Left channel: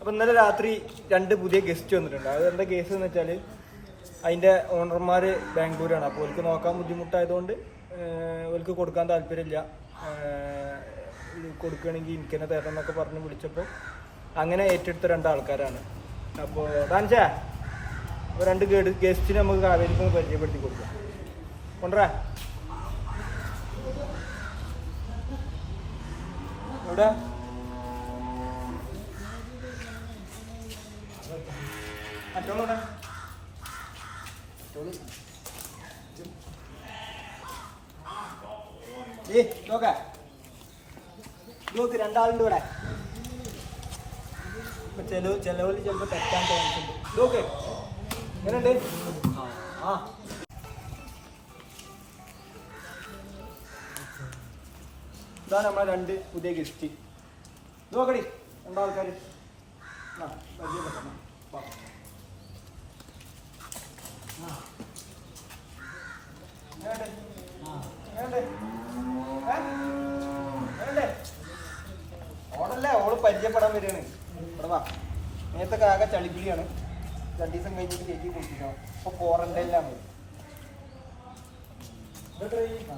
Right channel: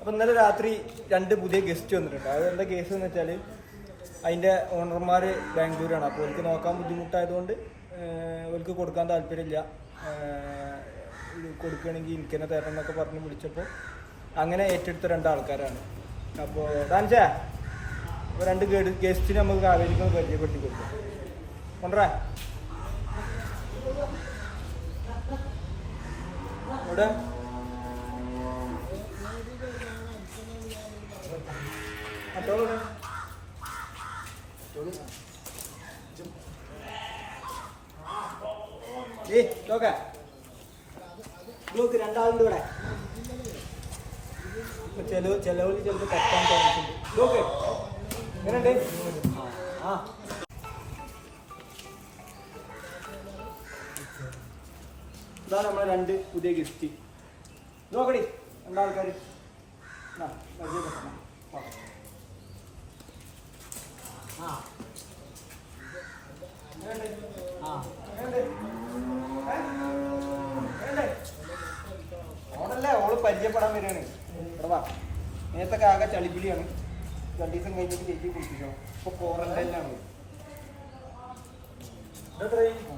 അപ്പോൾ ഇന്നലെ രാത്രി 2 പുതിയ ഗസ്റ്റ് വന്നിട്ടുണ്ട്. അതെന്താ കേസ് എന്ന് വെച്ചാൽ അതിൻ്റെ ഓണർമാർ ബാംഗ്ലൂരാണ്. അപ്പോൾ അവർക്ക് നോക്കാൻ ബുദ്ധിമുട്ടായതുകൊണ്ട് അവർക്ക് കൊടുക്കാൻ താല്പര്യമില്ല, കൊടുക്കുകയാണെങ്കിൽ എനിക്ക് തന്നെ തരണം എന്നൊക്കെ പറഞ്ഞ് വിളിച്ചപ്പോൾ അങ്ങനെ ഏറ്റെടുത്ത 2 ആൾക്കാരാണ്. അപ്പോൾ ഡാൻസേ അപ്പോൾ 2 ഗസ്റ്റിന് നമുക്ക് കാവേരിക്ക് പരിചയപ്പെടുത്തി കൊടുക്കും. കൊണ്ടുവരാ ഇവിടെ മറ്റോളൂടെ നോക്ക നോക്ക് 2 ആളുണ്ട് ഇവിടെ. ഇപ്പൊ ചെലവിൽ ചിലപ്പോൾ തെറ്റാൻ തോന്നിട്ടുണ്ട്. നോക്ക് എങ്ങനെയുണ്ട്? ആ ഇതാണ് നമ്മളെ 2 പുതിയ ഗസ്റ്റ്. നോക്കടി 2 ആൾക്കാർ പരിചയപ്പെട്ട ഓടല്ലേ, ഓള് പരിചയപ്പെടാൻ വരികയാണ്. നേരത്തെ ആകെ ചളിപ്പിടിയാണ്. 2 ദിവസം കഴിഞ്ഞിട്ട് ചേച്ചി കുളിപ്പിക്കണം. ഇപ്പൊ 4 എല്ലാം